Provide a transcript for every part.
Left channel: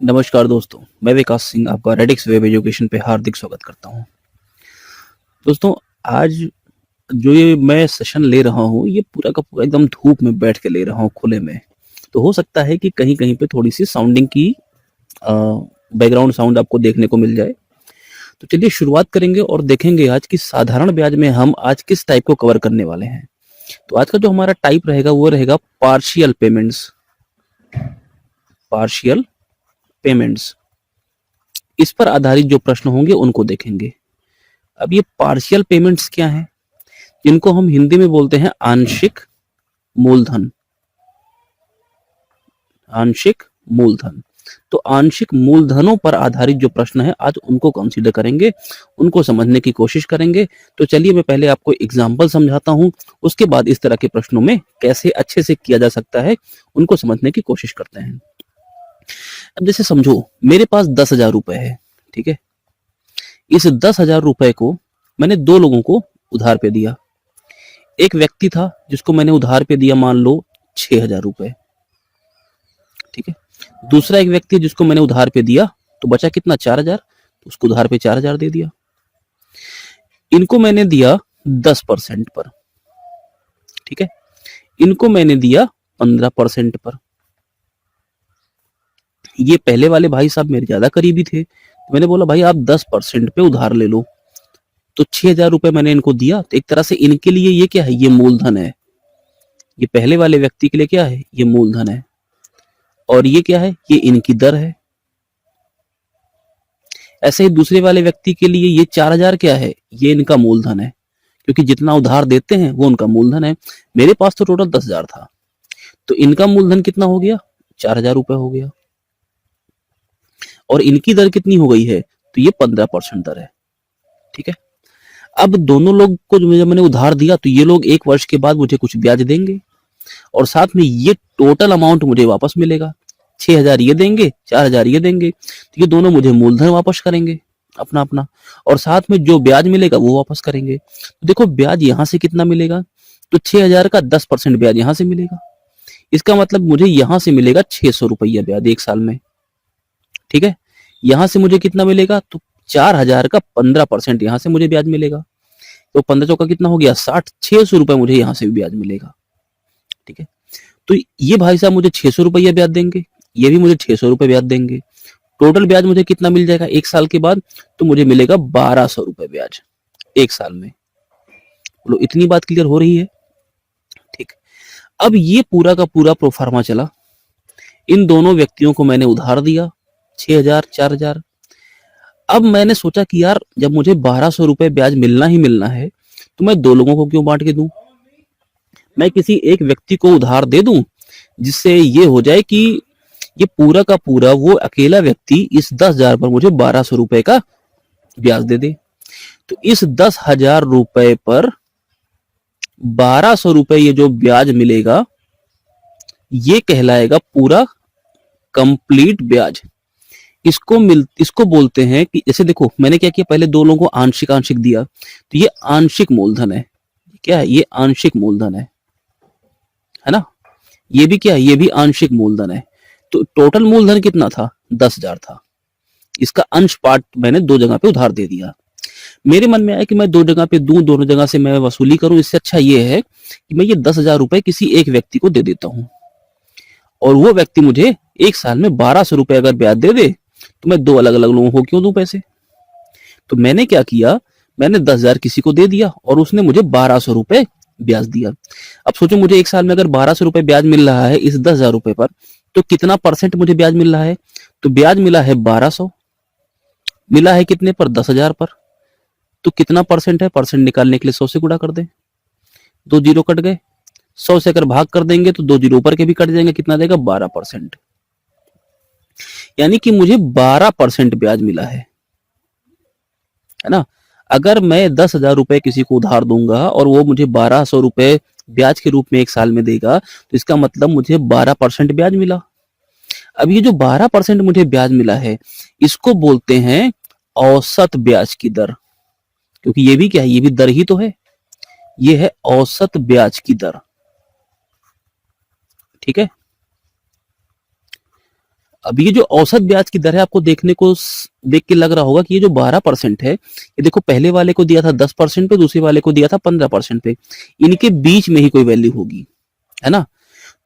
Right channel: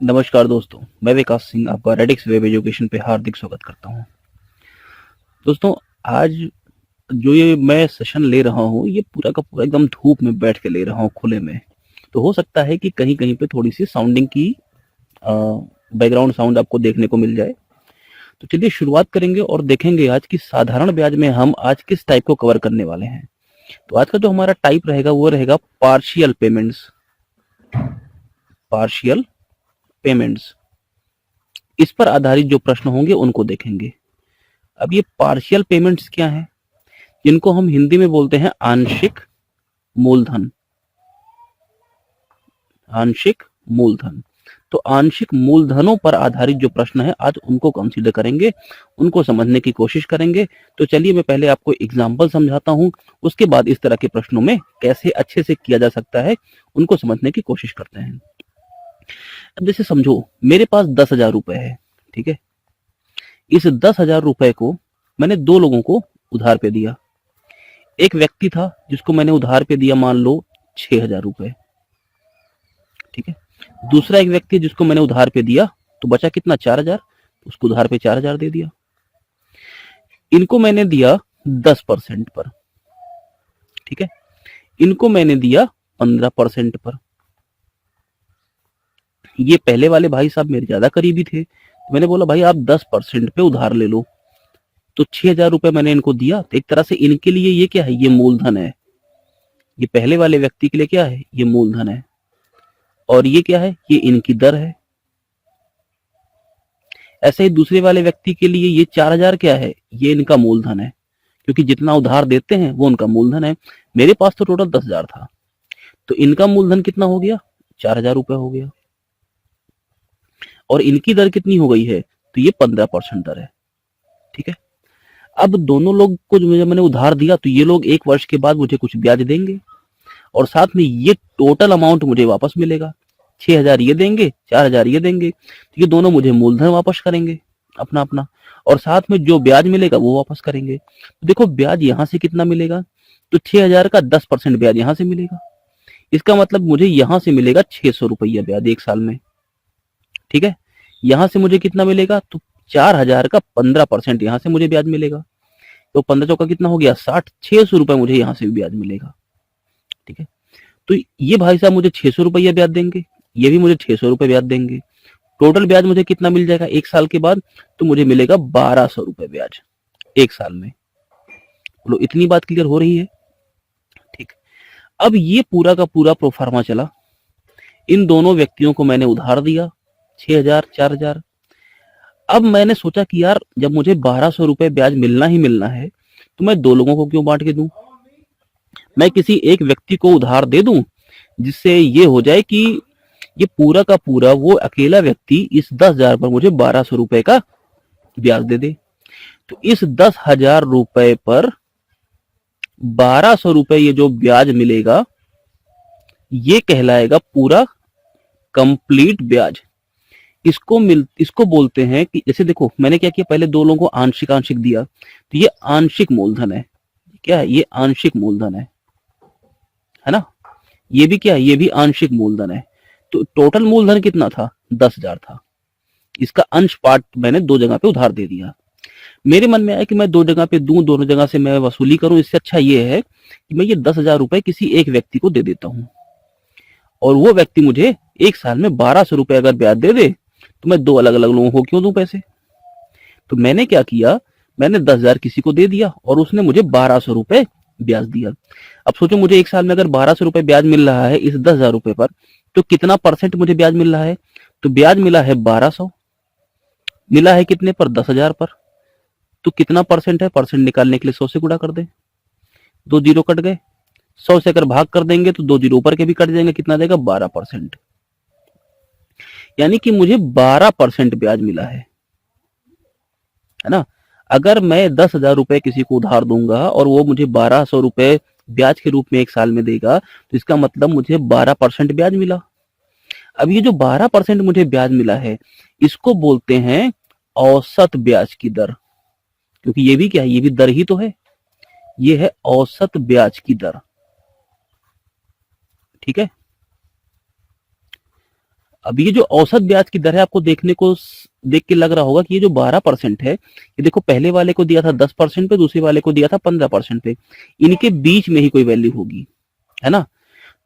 नमस्कार दोस्तों, मैं विकास सिंह आपका रेडिक्स वेब एजुकेशन पे हार्दिक स्वागत करता हूँ। दोस्तों, आज जो ये मैं सेशन ले रहा हूँ, ये पूरा का पूरा एकदम धूप में बैठ के ले रहा हूँ खुले में। तो हो सकता है कि कहीं-कहीं पे थोड़ी-सी साउंडिंग की अ, बैकग्राउंड साउंड आपको देखने को मिल जाए। तो चलिए शुरुआत करेंगे और देखेंगे आज कि साधारण ब्याज में हम आज किस टाइप को कवर करने वाले हैं। तो आज का जो हमारा टाइप रहेगा वो रहेगा पार्शियल पेमेंट्स। Partial payments. इस पर आधारित जो प्रश्न होंगे उनको देखेंगे। अब ये पार्शियल पेमेंट्स क्या हैं? जिनको हम हिंदी में बोलते हैं आंशिक मूलधन। आंशिक मूलधन। तो आंशिक मूलधनों पर आधारित जो प्रश्न है आज उनको कंसीडर करेंगे, उनको समझने की कोशिश करेंगे। तो चलिए मैं पहले आपको एग्जाम्पल समझाता हूँ, उसके बाद इस तरह के प्रश्नों में कैसे अच्छे से किया जा सकता है उनको समझने की कोशिश करते हैं। अब जैसे समझो मेरे पास 10,000 रुपए है, ठीक है। इस 10,000 रुपए को मैंने दो लोगों को उधार पे दिया। एक व्यक्ति था जिसको मैंने उधार पे दिया मान लो 6,000 रुपए, ठीक है। दूसरा एक व्यक्ति जिसको मैंने उधार पे दिया, तो बचा कितना 4,000, उसको उधार पे 4,000 दे दिया। इनको मैंने दिया 10% पर, ठीक है। इनको मैंने दिया 15% पर। ये पहले वाले भाई साहब मेरे ज्यादा करीबी थे, तो मैंने बोला भाई आप 10% पे उधार ले लो। तो 6,000 रुपए मैंने इनको दिया, तो एक तरह से इनके लिए ये क्या है, ये मूलधन है। ये पहले वाले व्यक्ति के लिए क्या है, ये मूलधन है। और ये क्या है, ये इनकी दर है। ऐसे ही दूसरे वाले व्यक्ति के लिए ये 4,000 क्या है, ये इनका मूलधन है, क्योंकि जितना उधार देते हैं वो उनका मूलधन है। मेरे पास तो टोटल 10,000 था, तो इनका मूलधन कितना हो गया, 4,000 रुपए हो गया। और इनकी दर कितनी हो गई है, तो ये 15% दर है, ठीक है। अब दोनों लोग को जब मैंने उधार दिया, तो ये लोग 1 वर्ष के बाद मुझे कुछ ब्याज देंगे और साथ में ये टोटल अमाउंट मुझे वापस मिलेगा। 6,000 ये देंगे, 4,000 ये देंगे, तो ये दोनों मुझे मूलधन वापस करेंगे अपना अपना, और साथ में जो ब्याज मिलेगा वो वापस करेंगे। तो देखो ब्याज यहाँ से कितना मिलेगा, तो 6,000 का 10% ब्याज यहाँ से मिलेगा। इसका मतलब मुझे यहाँ से मिलेगा 600 रुपया ब्याज 1 साल में, ठीक है। यहाँ से मुझे कितना मिलेगा, तो 4,000 का 15% यहाँ से मुझे ब्याज मिलेगा। तो 15 चौका कितना हो गया 60, 600 रुपए मुझे यहाँ से भी ब्याज मिलेगा, ठीक है। तो ये भाई साहब मुझे 600 रुपया ब्याज देंगे, ये भी मुझे 600 रुपए ब्याज देंगे। टोटल ब्याज मुझे कितना मिल जाएगा 1 साल के बाद, तो मुझे मिलेगा 1,200 रुपए ब्याज 1 साल में। लो इतनी बात क्लियर हो रही है, ठीक। अब ये पूरा का पूरा प्रोफार्मा चला। इन दोनों व्यक्तियों को मैंने उधार दिया 6,000 4,000। अब मैंने सोचा कि यार जब मुझे 1,200 रुपए ब्याज मिलना ही मिलना है, तो मैं दो लोगों को क्यों बांट के दूं। मैं किसी एक व्यक्ति को उधार दे दूं, जिससे ये हो जाए कि ये पूरा का पूरा वो अकेला व्यक्ति इस 10,000 पर मुझे 1,200 रुपए का ब्याज दे दे। तो इस 10,000 रुपए पर 1,200 रुपए ये जो ब्याज मिलेगा, ये कहलाएगा पूरा कंप्लीट ब्याज। इसको बोलते हैं कि जैसे देखो मैंने क्या किया, पहले दो लोगों को आंशिक आंशिक दिया, तो ये आंशिक मूलधन है। क्या है, ये आंशिक मूलधन है ना। ये भी क्या है, ये भी आंशिक मूलधन है। तो टोटल मूलधन कितना था, 10,000 था। इसका अंश पार्ट मैंने दो जगह पे उधार दे दिया। मेरे मन में आया कि मैं दो जगह पे दूं, दोनों जगह से मैं वसूली करूं। इससे अच्छा ये है कि मैं ये 10,000 रुपए किसी एक व्यक्ति को दे देता हूं, और वो व्यक्ति मुझे 1 साल में 1,200 रुपए अगर ब्याज दे दे, तो मैं दो अलग अलग लोगों को क्यों दूं पैसे। तो मैंने क्या किया, मैंने 10,000 किसी को दे दिया और उसने मुझे 1,200 रुपए ब्याज दिया। अब सोचो मुझे 1 साल में अगर 1,200 रुपए ब्याज मिल रहा है इस 10,000 रुपए पर, तो कितना परसेंट मुझे ब्याज मिल रहा है, तो ब्याज मिला है 1,200। मिला है कितने पर, 10,000 पर। तो कितना परसेंट है, परसेंट निकालने के लिए 100 से गुणा कर दें, 2 जीरो कट गए। 100 से अगर भाग कर देंगे तो 2 जीरो ऊपर के भी कट जाएंगे, कितना देगा 12%। यानी कि मुझे 12% ब्याज मिला है ना। अगर मैं 10,000 रुपए किसी को उधार दूंगा और वो मुझे 1,200 रुपए ब्याज के रूप में 1 साल में देगा, तो इसका मतलब मुझे 12% ब्याज मिला। अब ये जो 12% मुझे ब्याज मिला है, इसको बोलते हैं औसत ब्याज की दर, क्योंकि ये भी क्या है, ये भी दर ही तो है। ये है औसत ब्याज की दर, ठीक है। अब ये जो औसत ब्याज की दर है, आपको देख के लग रहा होगा कि ये जो 12% है, ये देखो पहले वाले को दिया था 10% पे, दूसरे वाले को दिया था 15% पे, इनके बीच में ही कोई वैल्यू होगी, है ना।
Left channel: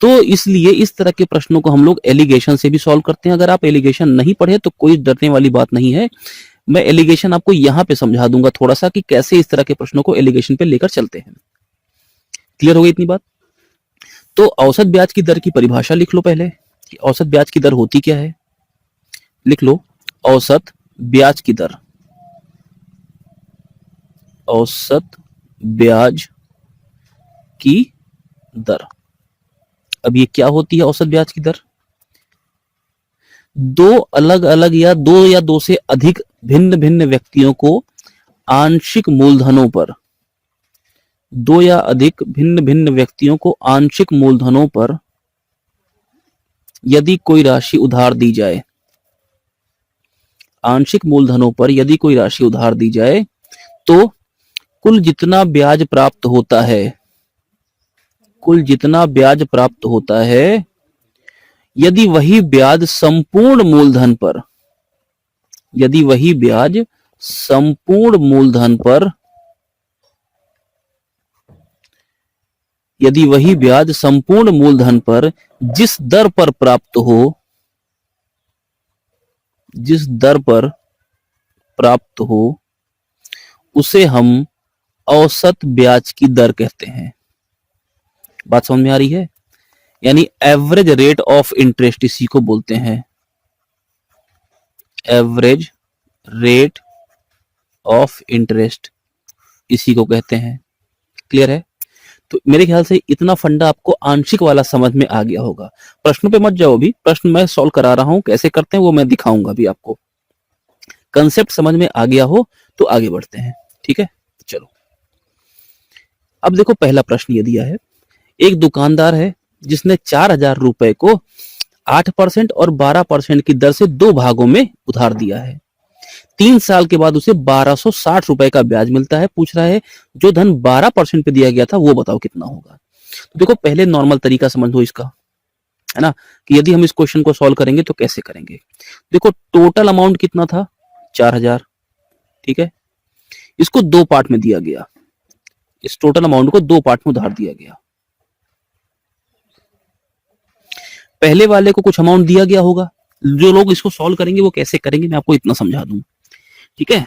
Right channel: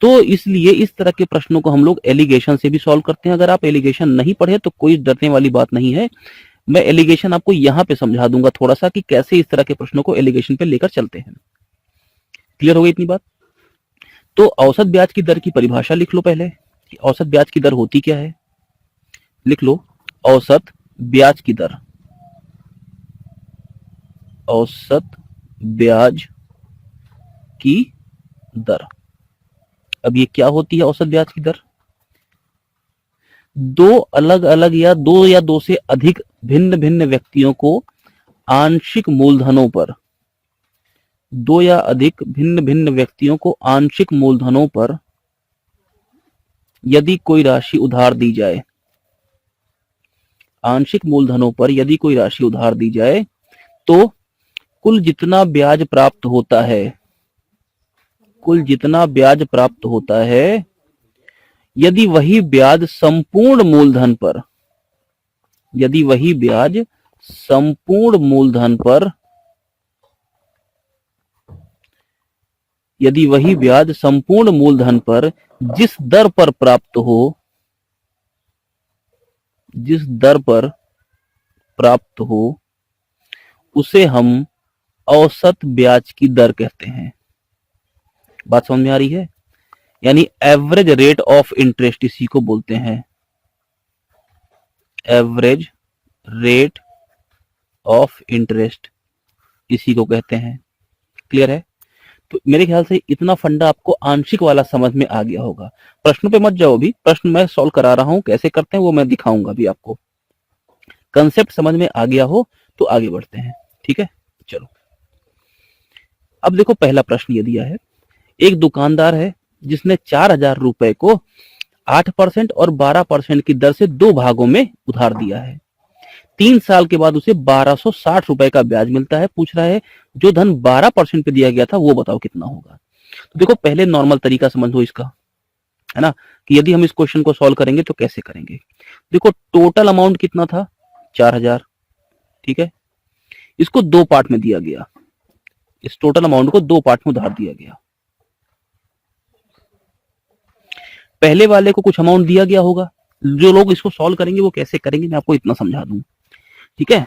तो इसलिए इस तरह के प्रश्नों को हम लोग एलिगेशन से भी सॉल्व करते हैं। अगर आप एलिगेशन नहीं पढ़े तो कोई डरने वाली बात नहीं है, मैं एलिगेशन आपको यहाँ पे समझा दूंगा थोड़ा सा कि कैसे इस तरह के प्रश्नों को एलिगेशन पे लेकर चलते हैं। क्लियर हो गई इतनी बात? तो औसत ब्याज की दर की परिभाषा लिख लो पहले कि औसत ब्याज की दर होती क्या है। लिख लो औसत ब्याज की दर। औसत ब्याज की दर, अब ये क्या होती है औसत ब्याज की दर? दो अलग अलग या दो से अधिक भिन्न भिन्न व्यक्तियों को आंशिक मूलधनों पर, दो या अधिक भिन्न भिन्न व्यक्तियों को आंशिक मूलधनों पर यदि कोई राशि उधार दी जाए, आंशिक मूलधनों पर यदि कोई राशि उधार दी जाए तो कुल जितना ब्याज प्राप्त होता है, कुल जितना ब्याज प्राप्त होता है, यदि वही ब्याज संपूर्ण मूलधन पर, यदि वही ब्याज संपूर्ण मूलधन पर, यदि वही ब्याज संपूर्ण मूलधन पर जिस दर पर प्राप्त हो, जिस दर पर प्राप्त हो, उसे हम औसत ब्याज की दर कहते हैं। बात समझ में आ रही है? यानी एवरेज रेट ऑफ इंटरेस्ट इसी को बोलते हैं, एवरेज रेट ऑफ इंटरेस्ट इसी को कहते हैं। क्लियर है? तो मेरे ख्याल से इतना फंडा आपको आंशिक वाला समझ में आ गया होगा। प्रश्न पे मत जाओ, भी प्रश्न मैं सॉल्व करा रहा हूं, कैसे करते हैं वो मैं दिखाऊंगा भी आपको। कंसेप्ट समझ में आ गया हो तो आगे बढ़ते हैं। ठीक है, चलो अब देखो पहला प्रश्न ये दिया है, एक दुकानदार है जिसने 4,000 रुपए को 8% और 12% की दर से दो भागों में उधार दिया है। 3 साल के बाद उसे 1260 रुपए का ब्याज मिलता है। पूछ रहा है जो धन 12% पे दिया गया था वो बताओ कितना होगा। तो देखो पहले नॉर्मल तरीका समझो इसका, है ना, कि यदि हम इस क्वेश्चन को सॉल्व करेंगे तो कैसे करेंगे। देखो टोटल अमाउंट कितना था, 4,000, ठीक है, इसको दो पार्ट में दिया गया, इस टोटल अमाउंट को दो पार्ट में उधार दिया गया। पहले वाले को कुछ अमाउंट दिया गया होगा, जो लोग इसको सॉल्व करेंगे वो कैसे करेंगे मैं आपको इतना समझा दूं। ठीक है,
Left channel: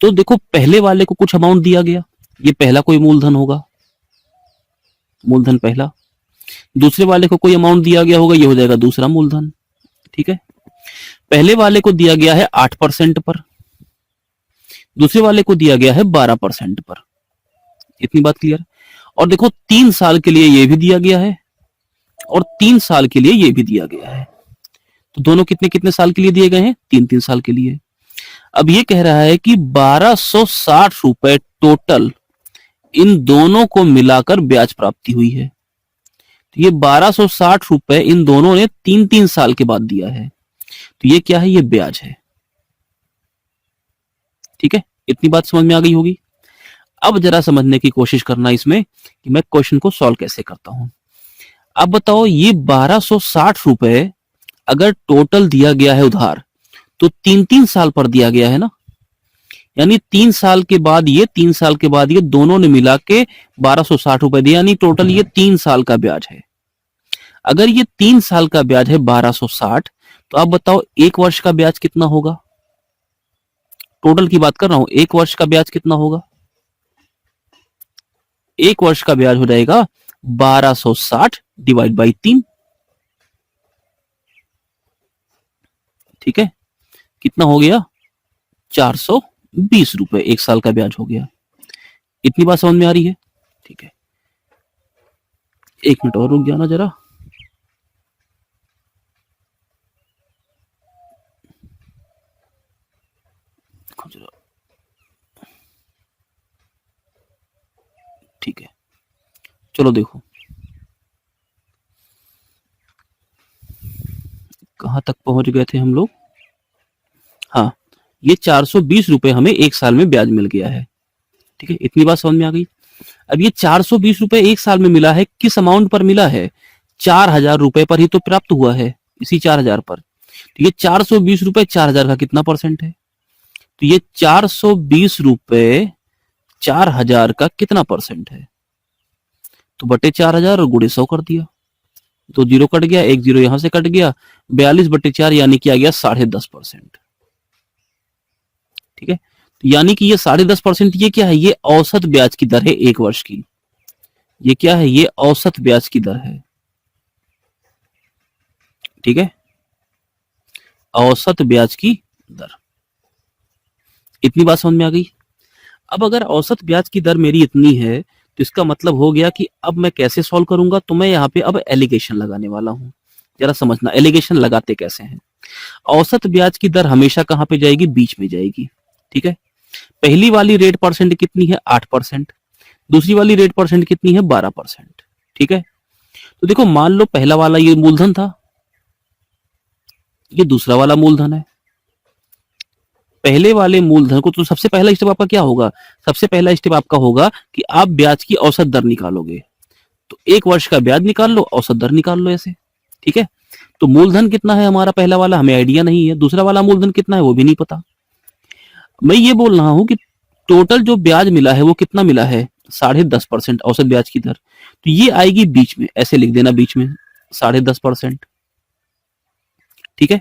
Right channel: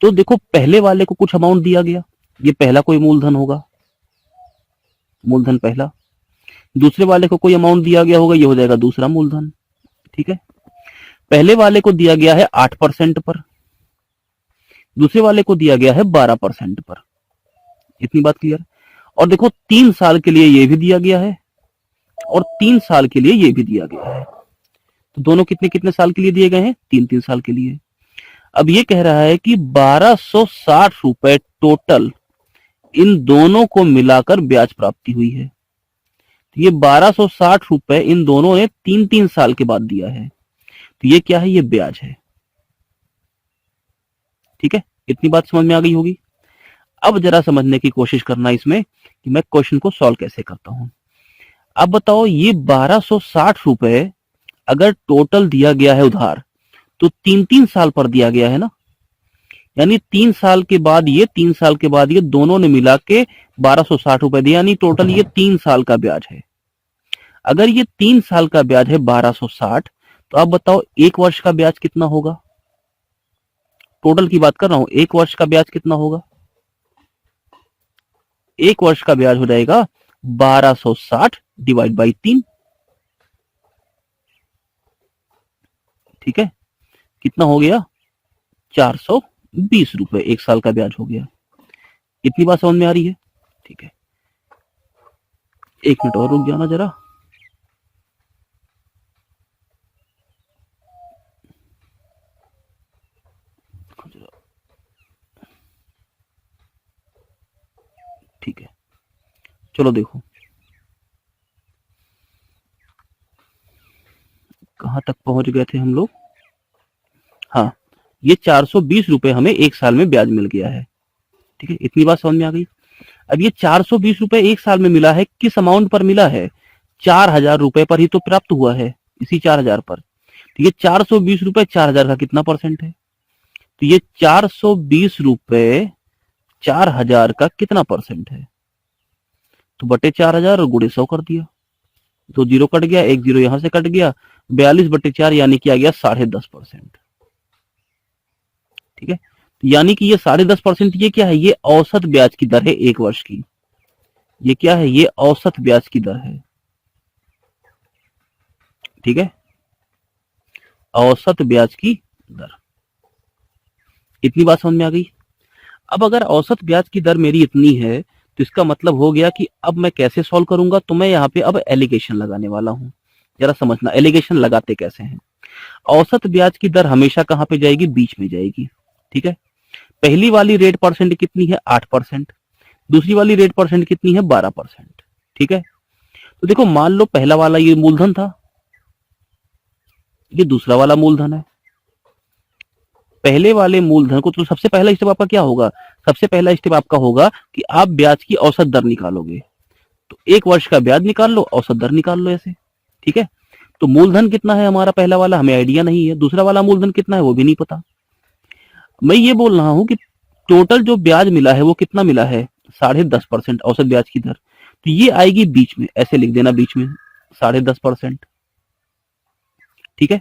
तो देखो पहले वाले को कुछ अमाउंट दिया गया, ये पहला कोई मूलधन होगा, मूलधन पहला। दूसरे वाले को कोई अमाउंट दिया गया होगा, ये हो जाएगा दूसरा मूलधन। ठीक है, पहले वाले को दिया गया है 8% पर, दूसरे वाले को दिया गया है 12% पर। इतनी बात क्लियर? और देखो 3 साल के लिए ये भी दिया गया है और 3 साल के लिए ये भी दिया गया है। तो दोनों कितने कितने साल के लिए दिए गए हैं, 3-3 साल के लिए। अब ये कह रहा है कि 1260 रुपए टोटल इन दोनों को मिलाकर ब्याज प्राप्ति हुई है। तो ये 1260 रुपए इन दोनों ने 3-3 साल के बाद दिया है, तो ये क्या है, ये ब्याज है। ठीक है, इतनी बात समझ में आ गई होगी। अब जरा समझने की कोशिश करना इसमें कि मैं क्वेश्चन को सॉल्व कैसे करता हूं। अब बताओ ये 1260 रुपए अगर टोटल दिया गया है उधार तो 3-3 साल पर दिया गया है ना, यानी 3 साल के बाद ये 3 साल के बाद ये दोनों ने मिला के 1260 रुपए दिया, यानी टोटल ये 3 साल का ब्याज है। अगर ये 3 साल का ब्याज है 1260, तो आप बताओ एक वर्ष का ब्याज कितना होगा। टोटल की बात कर रहा हूं, एक वर्ष का ब्याज कितना होगा। एक वर्ष का ब्याज हो जाएगा 1260 डिवाइड बाई 3। ठीक है, कितना हो गया, 420 रुपए एक साल का ब्याज हो गया। इतनी बात समझ में आ रही है? ठीक है, एक मिनट और रुक जाना जरा। ठीक है, चलो देखो कहां तक पहुंच गए थे हम लोग। हाँ, ये 420 रुपए हमें एक साल में ब्याज मिल गया है। ठीक है, इतनी बात समझ में आ गई। अब ये 420 रुपए एक साल में मिला है, किस अमाउंट पर मिला है, 4,000 रुपए पर ही तो प्राप्त हुआ है, इसी 4,000 पर। तो ये 420 रुपए 4,000 का कितना परसेंट है? तो ये 420 रुपए 4,000 का कितना परसेंट है? तो बटे 4,000 और गुणे 100 कर दिया, तो जीरो कट गया, एक जीरो यहां से कट गया, 42/4 यानी कि आ गया 10.5%। ठीक है, तो यानी कि ये 10.5%, ये क्या है? ये औसत ब्याज की दर है एक वर्ष की। ये क्या है? ये औसत ब्याज की दर है। ठीक है, औसत ब्याज की दर। इतनी बात समझ में आ गई? अब अगर औसत ब्याज की दर मेरी इतनी है, तो इसका मतलब हो गया कि अब मैं कैसे सॉल्व करूंगा? तो मैं यहाँ पे अब एलिगेशन लगाने वाला हूं। जरा समझना एलिगेशन लगाते कैसे हैं। औसत ब्याज की दर हमेशा कहां पे जाएगी? बीच में जाएगी। ठीक है, पहली वाली रेट परसेंट कितनी है? 8%। दूसरी वाली रेट परसेंट कितनी है? 12%। ठीक है, तो देखो मान लो पहला वाला ये मूलधन था, ये दूसरा वाला मूलधन है। पहले वाले मूलधन को, तो सबसे पहला स्टेप आपका क्या होगा? सबसे पहला स्टेप आपका होगा कि आप ब्याज की औसत दर निकालोगे। तो एक वर्ष का ब्याज निकाल लो, औसत दर निकाल लो ऐसे। ठीक है, तो मूलधन कितना है हमारा? पहला वाला हमें आइडिया नहीं है, दूसरा वाला मूलधन कितना है वो भी नहीं पता। मैं ये बोल रहा हूं कि टोटल जो ब्याज मिला है वो कितना मिला है? 10.5% औसत ब्याज की दर। तो ये आएगी बीच में, ऐसे लिख देना बीच में 10.5%। ठीक है,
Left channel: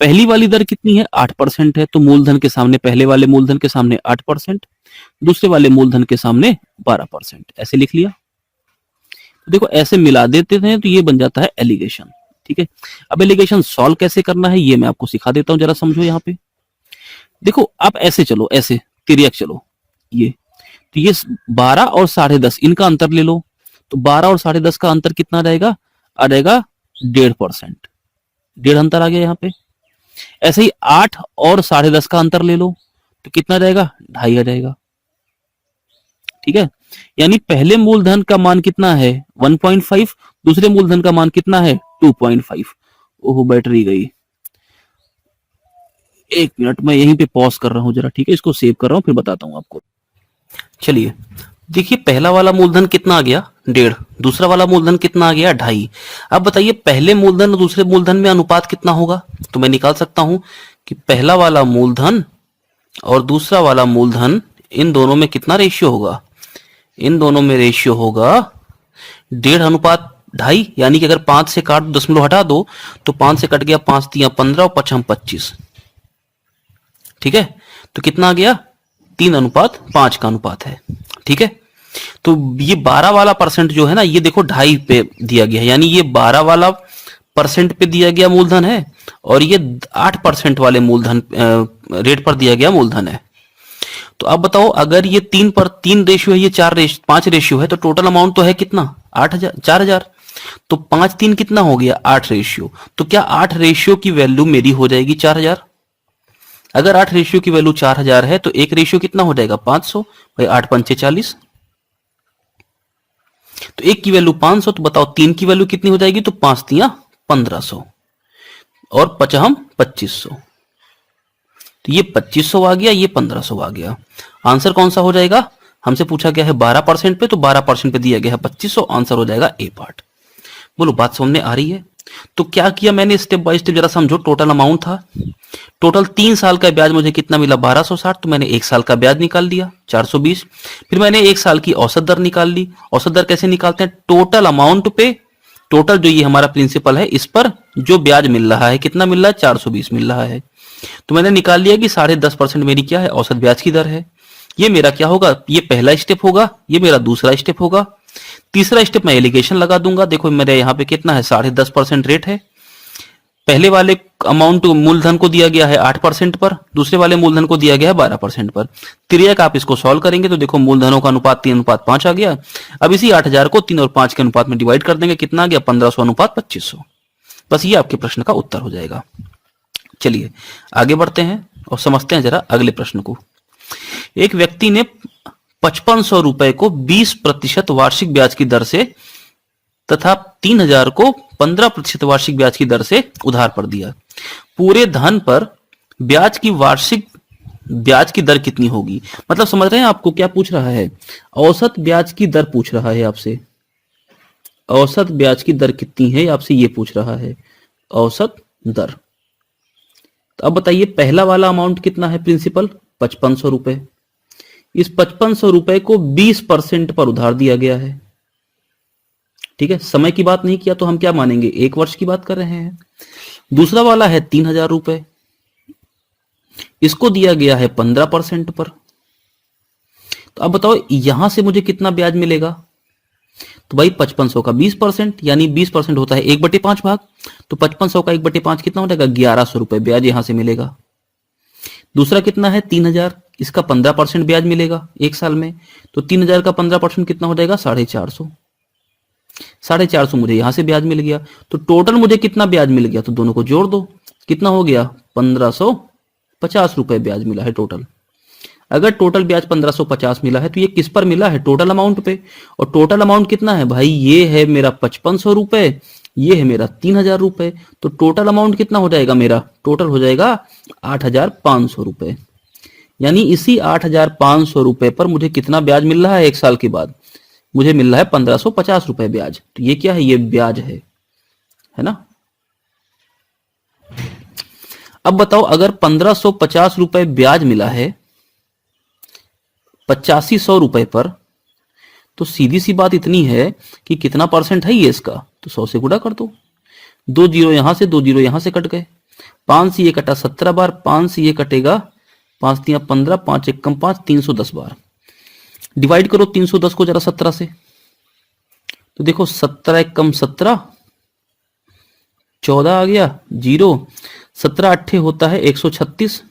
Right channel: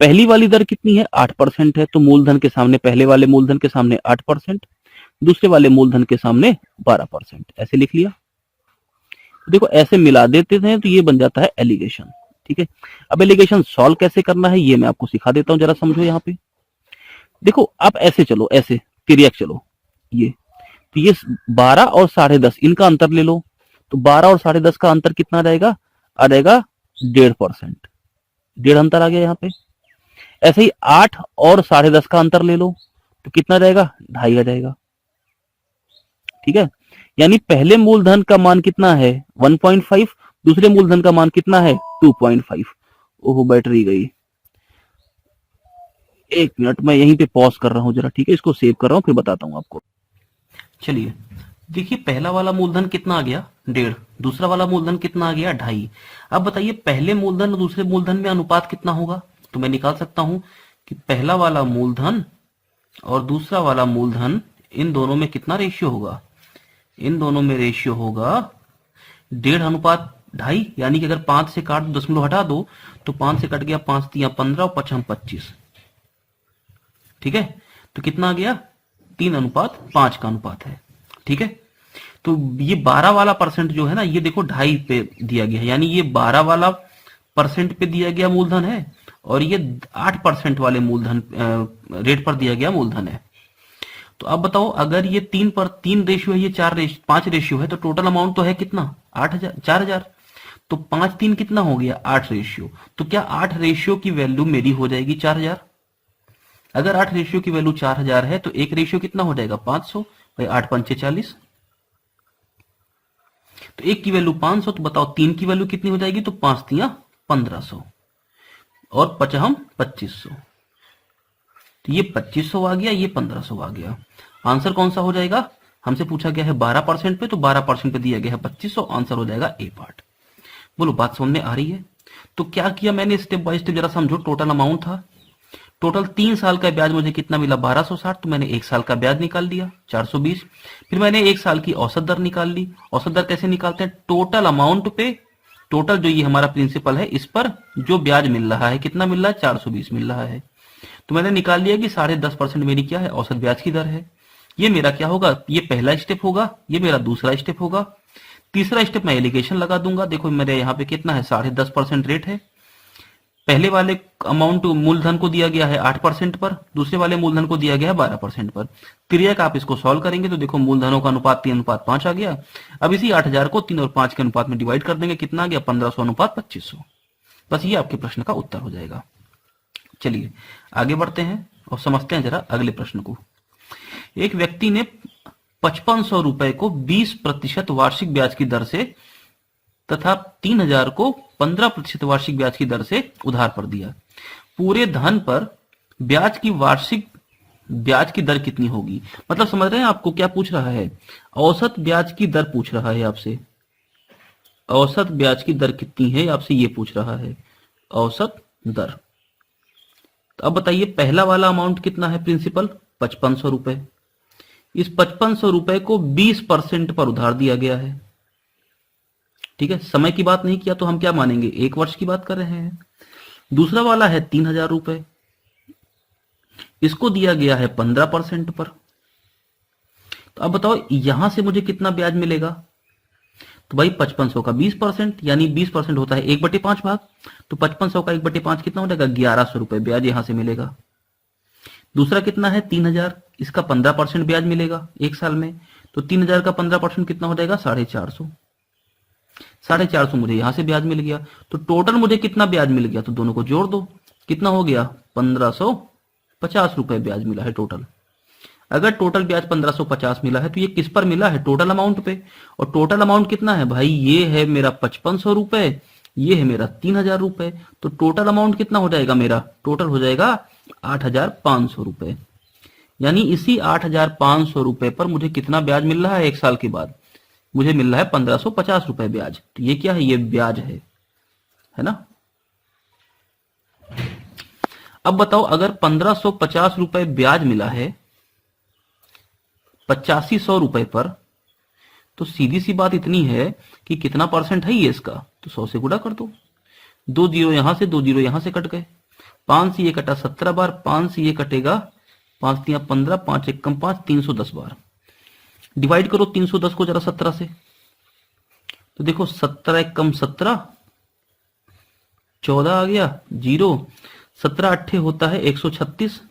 पहली वाली दर कितनी है? 8% है, तो मूलधन के सामने, पहले वाले मूलधन के सामने 8%, दूसरे वाले मूलधन के सामने 12%, ऐसे लिख लिया। देखो ऐसे मिला देते हैं तो ये बन जाता है एलिगेशन। ठीक है, अब एलिगेशन सॉल्व कैसे करना है ये मैं आपको सिखा देता हूं, जरा समझो। यहाँ पे देखो आप ऐसे चलो, ऐसे तिर्यक चलो। ये तो ये 12 और 10.5 इनका अंतर ले लो, तो 12 और 10.5 का अंतर कितना रहेगा? आ जाएगा 1.5%। 1.5 अंतर आ गया यहाँ पे। ऐसे ही 8 और 10.5 का अंतर ले लो, तो कितना रहेगा? 2.5 आ जाएगा। ठीक है, यानी पहले मूलधन का मान कितना है? 1.5, दूसरे मूलधन का मान कितना है? 2.5। ओहो बैटरी गई, एक मिनट मैं यहीं पे पॉज कर रहा हूं जरा। ठीक है, इसको सेव कर रहा हूं, फिर बताता हूं आपको। चलिए देखिए, पहला वाला मूलधन कितना आ गया? 1.5। दूसरा वाला मूलधन कितना आ गया? 2.5। अब बताइए पहले मूलधन और दूसरे मूलधन में अनुपात कितना होगा? तो मैं निकाल सकता हूं कि पहला वाला मूलधन और दूसरा वाला मूलधन, इन दोनों में कितना रेशियो होगा? इन दोनों में रेशियो होगा 1.5:2.5। यानी कि अगर 5 से काट दशमलव हटा दो तो 5 से कट गया, 5 तिया 15 और 5 25। ठीक है, तो कितना आ गया? 3:5 का अनुपात है। ठीक है, तो ये 12 वाला परसेंट जो है ना, ये देखो 2.5 पे दिया गया है, यानी ये 12 वाला परसेंट पे दिया गया मूलधन है और ये 8% वाले मूलधन रेट पर दिया गया मूलधन है। तो अब बताओ, अगर ये 3 रेशियो है, ये 5 रेशियो है, तो टोटल अमाउंट तो है कितना? 8,000, 4,000। तो 5 3 कितना हो गया? 8 रेशियो। तो क्या 8 रेशियो की वैल्यू मेरी हो जाएगी 4,000? अगर 8 रेशियो की वैल्यू 4,000 है तो एक रेशियो कितना हो जाएगा? 500। भाई 8 पंचे 40, तो एक की वैल्यू 500। तो बताओ 3 की वैल्यू कितनी हो जाएगी? तो 5 तिया 1500 और पचहम 2500। तो ये 2500 आ गया, ये 1500 आ गया। आंसर कौन सा हो जाएगा? हमसे पूछा गया है 12% पे, तो 12% पे दिया गया है 2500। आंसर हो जाएगा ए पार्ट। बोलो बात समझ में आ रही है? तो क्या किया मैंने, स्टेप बाय स्टेप जरा समझो। टोटल अमाउंट था, टोटल 3 साल का ब्याज मुझे कितना मिला? 1260। तो मैंने 1 साल का ब्याज निकाल दिया 420। फिर मैंने 1 साल की औसत दर निकाल ली। औसत दर कैसे निकालते हैं? टोटल अमाउंट पे, टोटल जो ये हमारा प्रिंसिपल है इस पर जो ब्याज मिल रहा है, कितना मिल रहा है? 420 मिल रहा है। तो मैंने निकाल लिया कि 10.5% मेरी क्या है? औसत ब्याज की दर है। ये मेरा क्या होगा? ये पहला स्टेप होगा, ये मेरा दूसरा स्टेप होगा। तीसरा स्टेप मैं एलिगेशन लगा दूंगा। देखो मेरे यहाँ पे कितना है? 10.5% रेट है। पहले वाले अमाउंट मूलधन को दिया गया है 8% पर, दूसरे वाले मूलधन को दिया गया है 12% पर। तिर्यक आप इसको सॉल्व करेंगे तो देखो मूलधनों का अनुपात 3:5 आ गया। अब इसी 8,000 को 3 और 5 के अनुपात में डिवाइड कर देंगे, कितना आ गया? 1500:2500। बस ये आपके प्रश्न का उत्तर हो जाएगा। चलिए आगे बढ़ते हैं और समझते हैं जरा अगले प्रश्न को। एक व्यक्ति ने 5500 रुपए को 20% वार्षिक ब्याज की दर से तथा 3,000 को 15% वार्षिक ब्याज की दर से उधार पर दिया। पूरे धन पर ब्याज की वार्षिक ब्याज की दर कितनी होगी? मतलब समझ रहे हैं आपको क्या पूछ रहा है? औसत ब्याज की दर पूछ रहा है आपसे। औसत ब्याज की दर कितनी है आपसे ये पूछ रहा है, औसत दर। तो अब बताइए पहला वाला अमाउंट कितना है प्रिंसिपल, 5500 रुपए। इस 5500 रुपए को 20% पर उधार दिया गया है। ठीक है, समय की बात नहीं किया तो हम क्या मानेंगे, 1 वर्ष की बात कर रहे हैं। दूसरा वाला है 3000 रुपए, इसको दिया गया है 15% पर। तो अब बताओ यहां से मुझे कितना ब्याज मिलेगा, तो भाई 5500 का 20%, यानी 20% होता है 1/5 भाग। तो 5500 का 1/5 कितना हो जाएगा, 1100 रुपए ब्याज यहां से मिलेगा। दूसरा कितना है 3000, इसका 15% ब्याज मिलेगा 1 साल में। तो 3000 का 15% कितना हो जाएगा, 450। 450 मुझे यहां से ब्याज मिल गया। तो टोटल मुझे कितना ब्याज मिल गया, तो दोनों को जोड़ दो, कितना हो गया, 1550 रुपए ब्याज मिला है टोटल। अगर टोटल ब्याज 1550 मिला है तो ये किस पर मिला है, टोटल अमाउंट पे। और टोटल अमाउंट कितना है भाई, ये है मेरा 5500 रुपए, ये है मेरा 3000 रुपए। तो टोटल अमाउंट कितना हो जाएगा मेरा, टोटल हो जाएगा 8500 रुपए। यानी इसी 8500 रुपए पर मुझे कितना ब्याज मिल रहा है 1 साल के बाद, मुझे मिल रहा है 1550 रुपए ब्याज। तो ये क्या है, ये ब्याज है ना। अब बताओ अगर 1550 रुपए ब्याज मिला है 8500 रुपए पर, तो सीधी सी बात इतनी है कि कितना परसेंट है ये इसका, तो 100 से गुणा कर दो। 2 जीरो यहां से, 2 जीरो यहां से कट गए। 5 से ये कटा 17 बार, 5 से ये कटेगा 5 तिया 15, 5 एक कम 5, 310 बार। डिवाइड करो 310 को जरा 17 से, तो देखो 17 एक कम 17, 14 आ गया, जीरो। 17 अट्ठे होता है 136,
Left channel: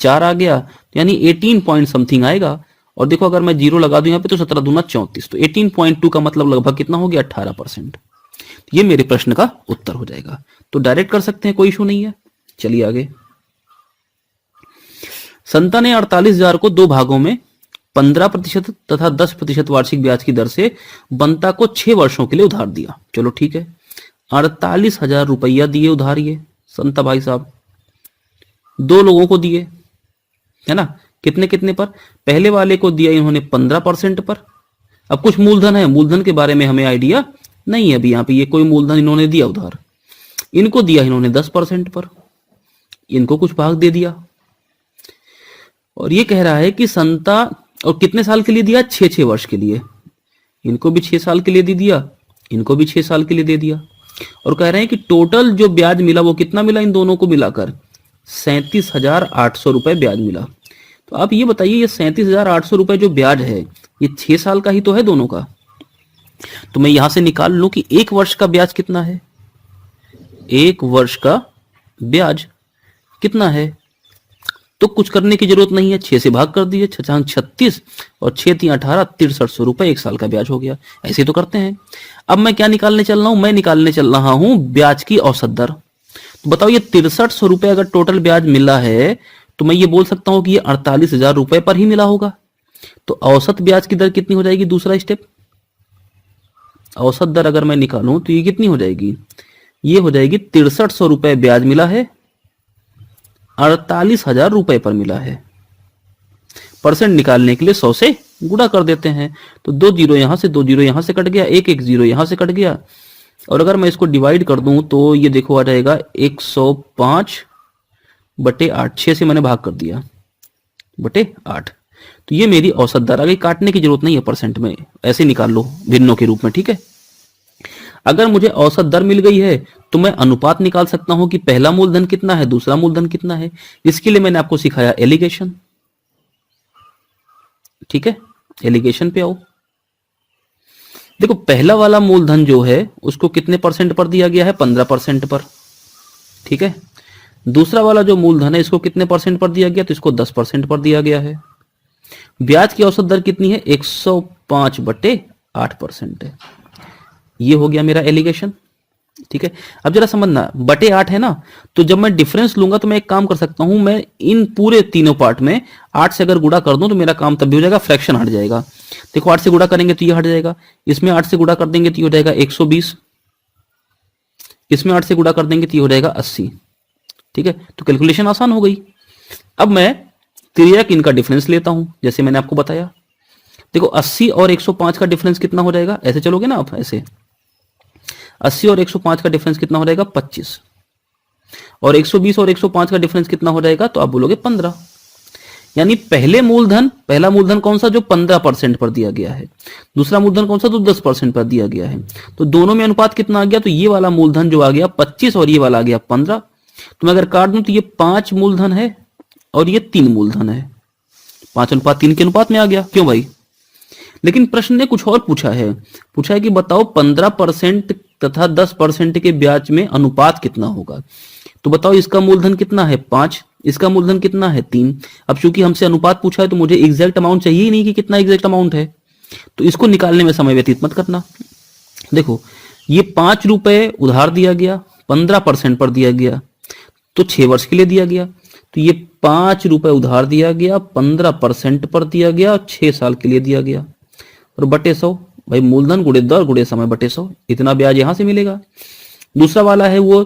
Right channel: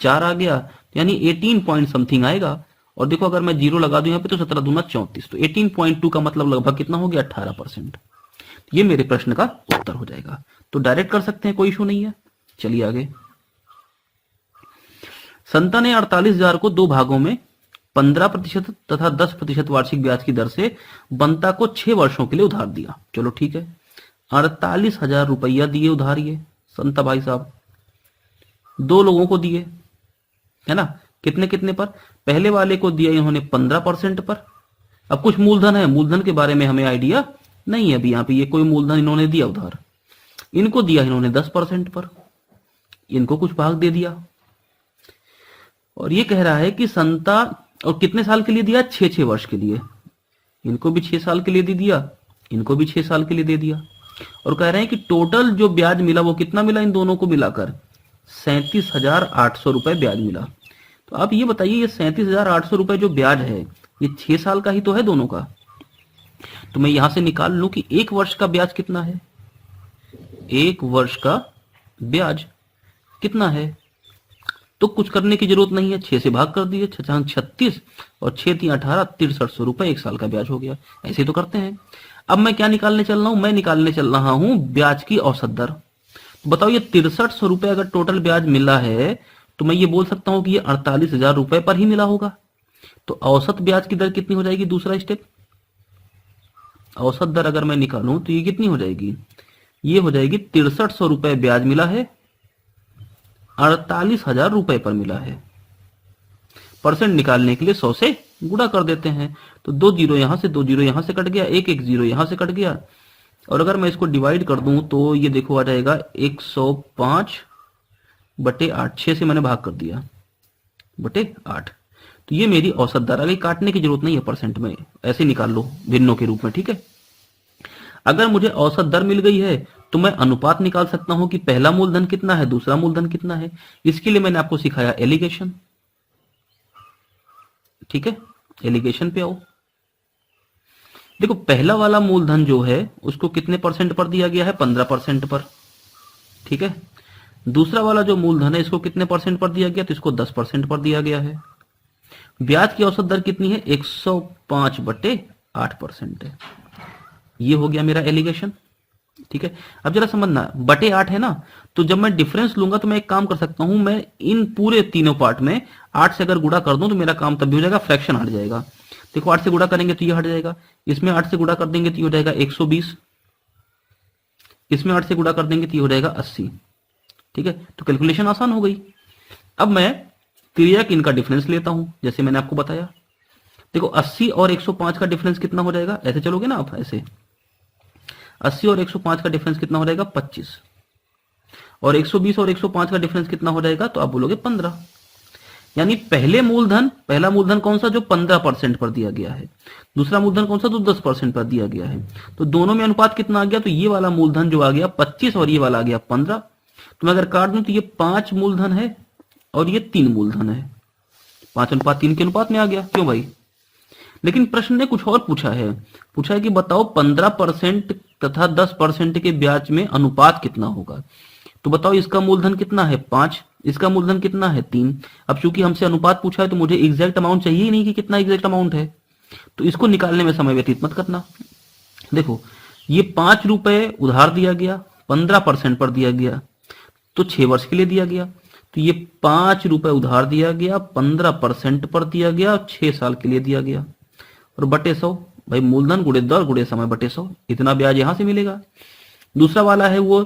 4 आ गया, यानी 18 पॉइंट समथिंग आएगा। और देखो अगर मैं जीरो लगा दूं यहाँ पे तो 17 दूना 34, तो 18.2 का मतलब लगभग कितना हो गया, 18%। ये मेरे प्रश्न का उत्तर हो जाएगा। तो डायरेक्ट कर सकते हैं, कोई इशू नहीं है। चलिए आगे। संता ने 48,000 को 2 भागों में 15% तथा 10% वार्षिक ब्याज की दर से बंता को 6 वर्षों के लिए उधार दिया। चलो ठीक है, 48,000 रुपया दिए उधार ये संता भाई साहब, 2 लोगों को दिए, है ना। कितने कितने पर, पहले वाले को दिया इन्होंने 15% पर। अब कुछ मूलधन है, मूलधन के बारे में हमें आइडिया नहीं है अभी, यहां पे ये कोई मूलधन इन्होंने दिया उधार। इनको दिया इन्होंने 10% पर, इनको कुछ भाग दे दिया। और ये कह रहा है कि संता, और कितने साल के लिए दिया, 6-6 वर्ष के लिए। इनको भी 6 साल के लिए दे दिया, इनको भी 6 साल के लिए दे दिया। और कह रहे हैं कि टोटल जो ब्याज मिला वो कितना मिला, इन दोनों को मिलाकर 37,800 रुपए ब्याज मिला। तो आप ये बताइए, ये 37,800 रुपए जो ब्याज है, ये 6 साल का ही तो है दोनों का। तो मैं यहां से निकाल लूं कि 1 वर्ष का ब्याज कितना है, 1 वर्ष का ब्याज कितना है। तो कुछ करने की जरूरत नहीं है, 6 से भाग कर दिए, 6 36 और 6 3 18, 6300 रुपए 1 साल का ब्याज हो गया। ऐसे तो करते हैं। अब मैं क्या निकालने चल रहा हूं, मैं निकालने चल रहा हूं ब्याज की औसत दर। तो बताओ ये 6300 रुपए अगर टोटल ब्याज मिला है, तो मैं ये बोल सकता हूं कि ये 48,000 रुपए पर ही मिला होगा। तो औसत ब्याज की दर कितनी हो जाएगी, दूसरा स्टेप, औसत दर अगर मैं निकालूं तो ये कितनी हो जाएगी, ये हो जाएगी 6300 रुपए ब्याज मिला है, 48,000 रुपए पर मिला है। परसेंट निकालने के लिए 100 से गुणा कर देते हैं। तो 2 जीरो यहां से, 2 जीरो यहां से कट गया, 1 1 जीरो यहां से कट गया। और अगर मैं इसको डिवाइड कर दूं तो ये देखो आ जाएगा 105/8, 6 से मैंने भाग कर दिया बटे 8। तो ये मेरी औसत दर आ गई, काटने की जरूरत नहीं है परसेंट में, ऐसे निकाल लो भिन्नों के रूप में। ठीक है, अगर मुझे औसत दर मिल गई है तो मैं अनुपात निकाल सकता हूं कि पहला मूलधन कितना है, दूसरा मूलधन कितना है। इसके लिए मैंने आपको सिखाया एलिगेशन। ठीक है, एलिगेशन पे आओ। देखो पहला वाला मूलधन जो है उसको कितने परसेंट पर दिया गया है, 15% पर। ठीक है, दूसरा वाला जो मूलधन है इसको कितने परसेंट पर दिया गया, तो इसको 10% पर दिया गया है। ब्याज की औसत दर कितनी है, 105/8% है। ये हो गया मेरा एलिगेशन। ठीक है, अब जरा समझना, बटे 8 है ना, तो जब मैं डिफरेंस लूंगा तो मैं एक काम कर सकता हूं, मैं इन पूरे तीनों पार्ट में 8 से अगर गुणा कर दूं तो मेरा काम तब भी हो जाएगा, फ्रैक्शन हट जाएगा। देखो 8 से गुणा करेंगे तो ये हट जाएगा, इसमें 8 से गुणा कर देंगे तो ये हो जाएगा 120, इसमें 8 से गुणा कर देंगे तो ये हो जाएगा 80। ठीक है, तो कैलकुलेशन आसान हो गई। अब मैं तिर्यक इनका डिफरेंस लेता हूं, जैसे मैंने आपको बताया। देखो 80 और 105 का डिफरेंस कितना हो जाएगा, ऐसे चलोगे ना आप, ऐसे 80 और 105 का डिफरेंस कितना हो जाएगा, 25। और 120 और 105 का डिफरेंस कितना हो जाएगा, तो आप बोलोगे 15। यानी पहला मूलधन कौन सा, जो 15% पर दिया गया है, दूसरा मूलधन कौन सा, तो 10% पर दिया गया है। तो दोनों में अनुपात कितना आ गया, तो ये वाला मूलधन जो आ गया 25 और ये वाला आ गया 15। तो मैं अगर काट दूं तो ये 5 मूलधन है और ये 3 मूलधन है, 5:3 के अनुपात में आ गया। क्यों भाई? लेकिन प्रश्न ने कुछ और पूछा है कि बताओ 15% तथा 10% के ब्याज में अनुपात कितना होगा। तो बताओ इसका मूलधन कितना है, 5, इसका मूलधन कितना है, 3। अब चूंकि हमसे अनुपात पूछा है तो मुझे एग्जैक्ट अमाउंट चाहिए ही नहीं कि कितना एग्जैक्ट अमाउंट है, तो इसको निकालने में समय व्यतीत मत करना। देखो ये 5 रुपए उधार दिया गया, 15% पर दिया गया, तो 6 वर्ष के लिए दिया गया। तो ये 5 रुपए उधार दिया गया, 15% पर दिया गया और 6 साल के लिए दिया गया, और बटे 100। भाई मूलधन गुणे दर गुणे समय बटे 100, इतना ब्याज यहां से मिलेगा। दूसरा वाला है वो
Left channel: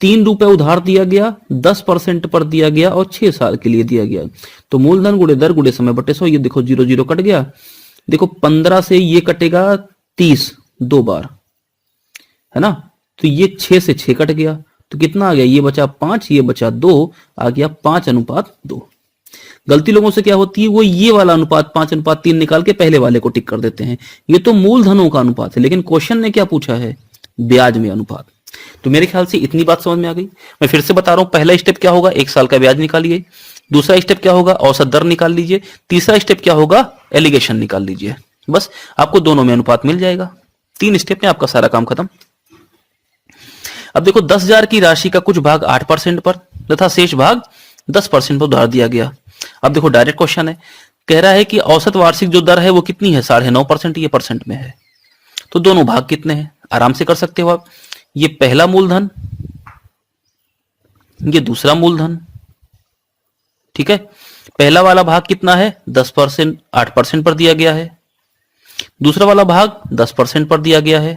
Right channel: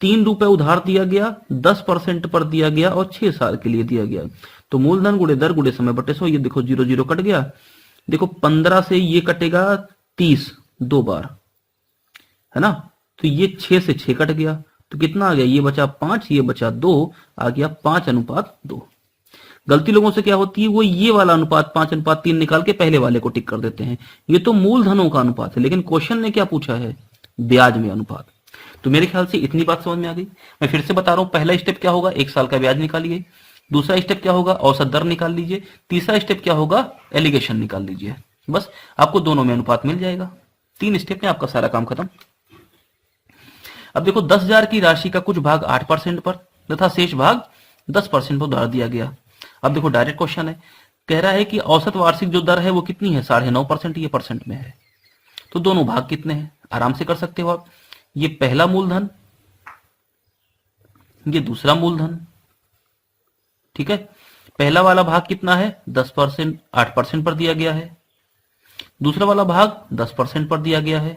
3 रुपए उधार दिया गया, 10% पर दिया गया और 6 साल के लिए दिया गया। तो मूलधन गुणे दर गुणे समय बटे 100, ये देखो 0 0 कट गया। देखो 15 से ये कटेगा 30 2 बार, है ना। तो ये 6 से 6 कट गया, तो कितना आ गया, ये बचा 5, ये बचा 2, आ गया 5:2। गलती लोगों से क्या होती है, वो ये वाला अनुपात 5:3 निकाल के पहले वाले को टिक कर देते हैं। ये तो मूलधनों का अनुपात है, लेकिन क्वेश्चन ने क्या पूछा है, ब्याज में अनुपात। तो मेरे ख्याल से इतनी बात समझ में आ गई। मैं फिर से बता रहा हूं, पहला स्टेप क्या होगा, 1 साल का ब्याज निकालिए। दूसरा स्टेप क्या होगा, औसत दर निकाल लीजिए। तीसरा स्टेप क्या होगा, एलिगेशन निकाल लीजिए। बस आपको दोनों में अनुपात मिल जाएगा। 3 स्टेप में आपका सारा काम खत्म। अब देखो 10,000 की राशि का कुछ भाग 8% पर तथा शेष भाग 10% पर उधार दिया गया। अब देखो डायरेक्ट क्वेश्चन है, कह रहा है कि औसत वार्षिक जो दर है वो कितनी है, 9.5%, ये परसेंट में है। तो दोनों भाग कितने हैं, आराम से कर सकते हो आप। ये पहला मूलधन, ये दूसरा मूलधन, ठीक है। पहला वाला भाग कितना है, 10%, 8% पर दिया गया है। दूसरा वाला भाग 10% पर दिया गया है।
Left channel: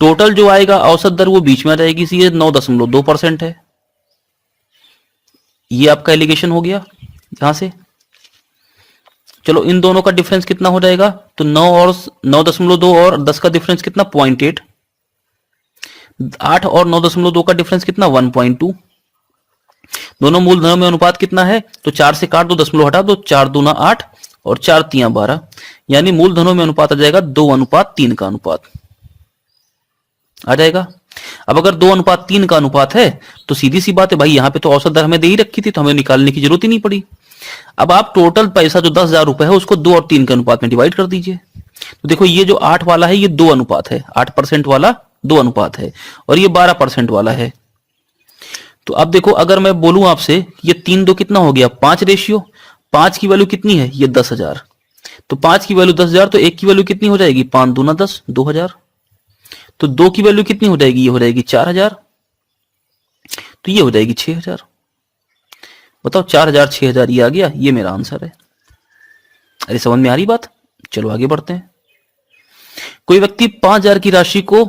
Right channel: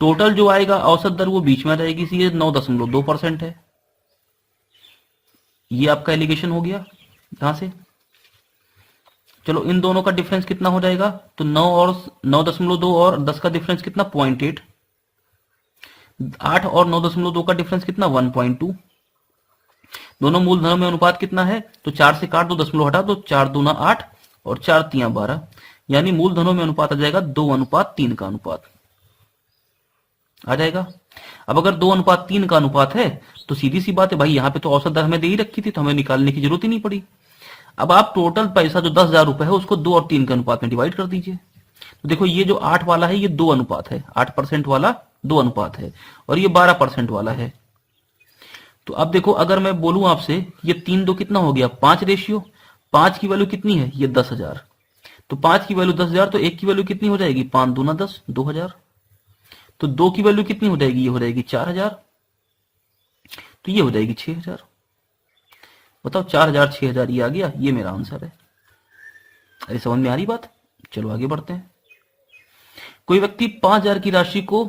टोटल जो आएगा औसत दर वो बीच में आ जाएगी, इसलिए 9.2% है। ये आपका एलिगेशन हो गया यहां से। चलो इन दोनों का डिफरेंस कितना हो जाएगा, तो 9.2 और 10 का डिफरेंस कितना, 0.8। 8 और 9.2 का डिफरेंस कितना, 1.2। दोनों मूलधनों में अनुपात कितना है, तो 4 से काट दो, दशमलव हटा दो, 4 दूना 8 और 4 तिया 12, यानी मूलधनों में अनुपात आ जाएगा 2:3 का अनुपात आ जाएगा। अब अगर 2:3 का अनुपात है तो सीधी सी बात है भाई, यहां पे तो औसत दर हमें दे ही रखी थी, तो हमें निकालने की जरूरत ही नहीं पड़ी। अब आप टोटल पैसा जो 10,000 रुपए है उसको 2 और 3 के अनुपात में डिवाइड कर दीजिए। तो देखो ये जो 8 वाला है ये 2 अनुपात है, 8% वाला 2 अनुपात है, और ये 12% वाला है। तो अब देखो अगर मैं बोलूं आपसे, ये 3 2 कितना हो गया, 5 रेशियो। 5 की वैल्यू कितनी है, ये 10,000। तो 5 की वैल्यू 10,000, तो 1 की वैल्यू कितनी हो जाएगी, 5 दूना 10, 2,000। तो 2 की वैल्यू कितनी हो जाएगी, ये हो जाएगी 4,000, तो ये हो जाएगी 6,000। बताओ 4,000 6,000 ये आ गया, ये मेरा आंसर है। अरे समझ में आ रही बात? चलो आगे बढ़ते हैं। कोई व्यक्ति 5,000 की राशि को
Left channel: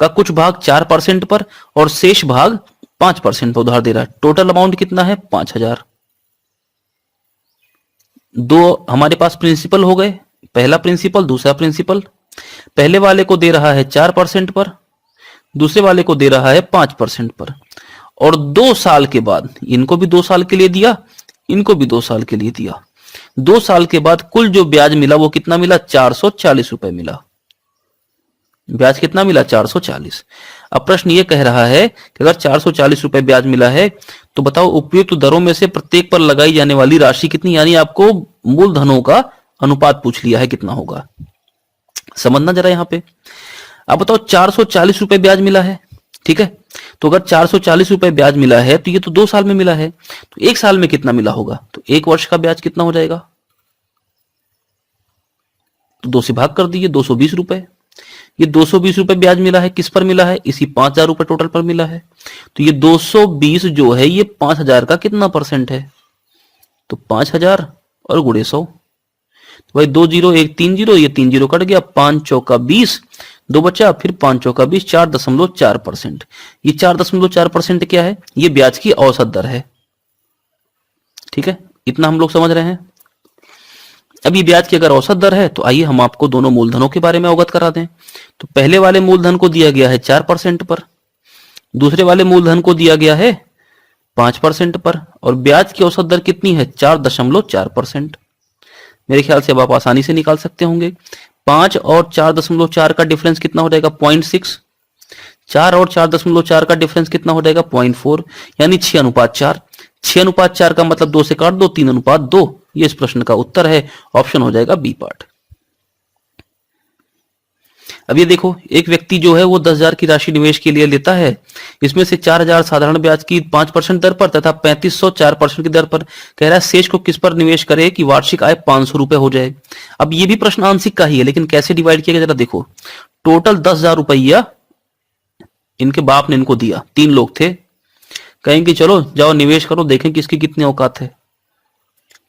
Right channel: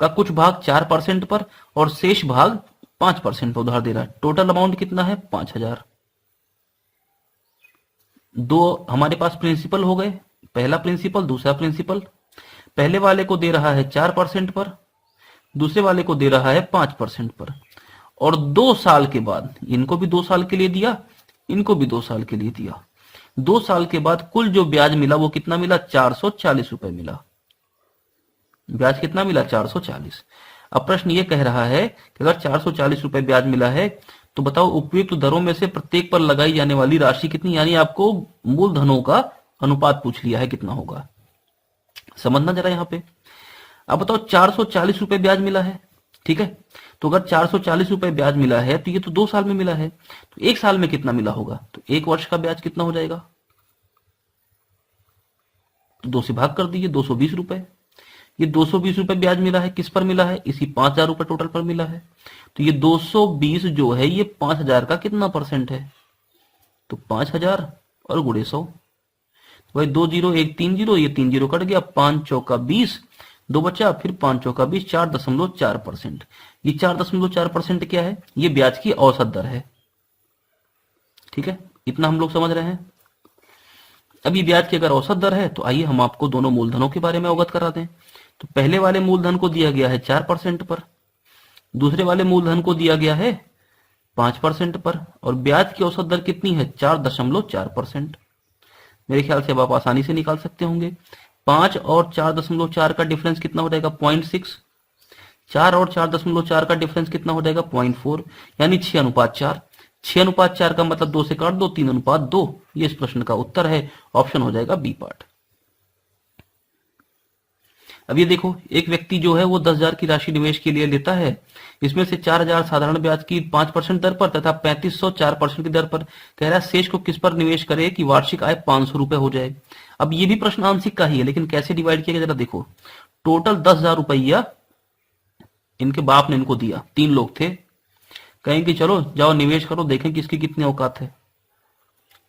का कुछ भाग 4% पर और शेष भाग 5% पर उधार दे रहा है। टोटल अमाउंट कितना है, 5,000। दो हमारे पास प्रिंसिपल हो गए, पहला प्रिंसिपल दूसरा प्रिंसिपल। पहले वाले को दे रहा है 4% पर, दूसरे वाले को दे रहा है 5% पर, और 2 साल के बाद, इनको भी 2 साल के लिए दिया, इनको भी 2 साल के लिए दिया। 2 साल के बाद कुल जो ब्याज मिला वो कितना मिला, 440 रुपए मिला। ब्याज कितना मिला, 440। अब प्रश्न ये कह रहा है कि अगर 440 रुपए ब्याज मिला है तो बताओ उपयुक्त दरों में से प्रत्येक पर लगाई जाने वाली राशि कितनी, यानी आपको मूलधनों का अनुपात पूछ लिया है, कितना होगा। समझना जरा यहां पे। अब बताओ 440 रुपए ब्याज मिला है, ठीक है। तो अगर 440 रुपए ब्याज मिला है तो ये तो 2 साल में मिला है, तो 1 साल में कितना मिला होगा, तो 1 वर्ष का ब्याज कितना हो जाएगा, तो 2 से भाग कर दीजिए, 220 रुपए। ये 220 रुपए ब्याज मिला है, किस पर मिला है, इसी 5,000 रुपए टोटल पर मिला है। तो ये 220 जो है ये 5,000 का कितना परसेंट है, तो 5,000 और गुणे 100। तो भाई 2 0 1 3 0, ये 3 0 कट गया, 5 चौका 20, 2 बचा, फिर 5 चौका 20, 4.4%। ये 4.4% क्या है, ये ब्याज की औसत दर है, ठीक है। इतना हम लोग समझ रहे हैं। अब ये ब्याज की अगर औसत दर है तो आइए हम आपको दोनों मूलधनों के बारे में अवगत करा दें। तो पहले वाले मूलधन को दिया गया है 4% पर, दूसरे वाले मूलधन को दिया गया है 5% पर, और ब्याज की औसत दर कितनी है 4.4%। मेरे ख्याल से अब आप आसानी से निकाल सकते होंगे। 5 और 4.4 का डिफरेंस कितना हो जाएगा 0.6, 4 और 4.4 का डिफरेंस कितना हो जाएगा 0.4, यानी 6:4। 6:4 का मतलब 2 से काट दो, 3:2। ये इस प्रश्न का उत्तर है, ऑप्शन हो जाएगा बी पार्ट। अब ये देखो, एक व्यक्ति जो है वो 10,000 की राशि निवेश के लिए लेता है, इसमें से 4,000 साधारण ब्याज की 5% दर पर तथा 3,500 4% की दर पर। कह रहा है शेष को किस पर निवेश करे कि वार्षिक आय 500 रुपए हो जाए। अब ये भी प्रश्न आंशिक का ही है, लेकिन कैसे डिवाइड किया गया जरा देखो। टोटल 10,000 रुपया इनके बाप ने इनको दिया, 3 लोग थे, कहेंगे चलो जाओ निवेश करो, देखें किसकी कितनी औकात है।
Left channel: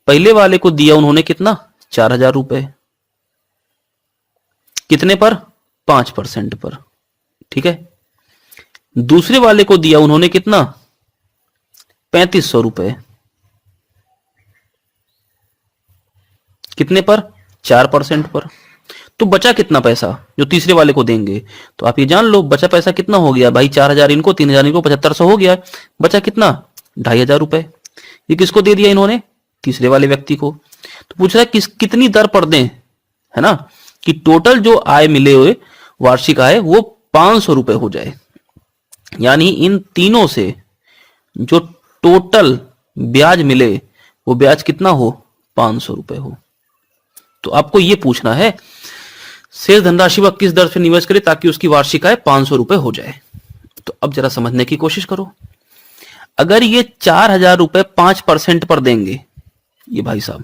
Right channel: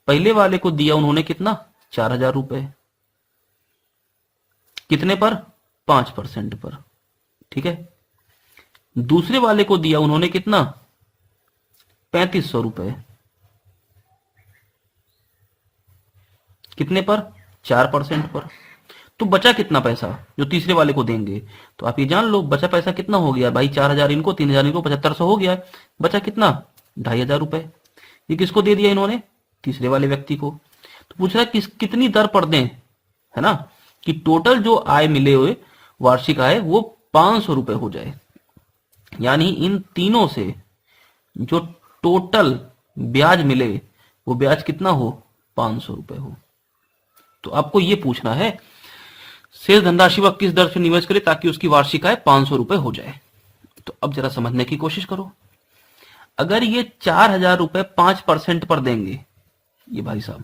पहले वाले को दिया उन्होंने कितना 4,000 रुपए, कितने पर 5% पर, ठीक है। दूसरे वाले को दिया उन्होंने कितना 3,500 रुपए, कितने पर 4% पर। तो बचा कितना पैसा जो तीसरे वाले को देंगे, तो आप ये जान लो बचा पैसा कितना हो गया भाई, 4,000 इनको, 3,000 इनको, 7,500 हो गया। बचा कितना 2,500 रुपए। ये किसको दे दिया इन्होंने, तीसरे वाले व्यक्ति को। तो पूछ रहा है कितनी दर पर दें, है ना, कि टोटल जो आय मिले हुए वार्षिक आय वो 500 रुपए हो जाए, यानी इन तीनों से जो टोटल ब्याज मिले वो ब्याज कितना हो 500 रुपए हो। तो आपको ये पूछना है शेष धनराशि वह किस दर से निवेश करे ताकि उसकी वार्षिक आय 500 रुपए हो जाए। तो अब जरा समझने की कोशिश करो। अगर ये 4,000 रुपए 5% पर देंगे, ये भाई साहब,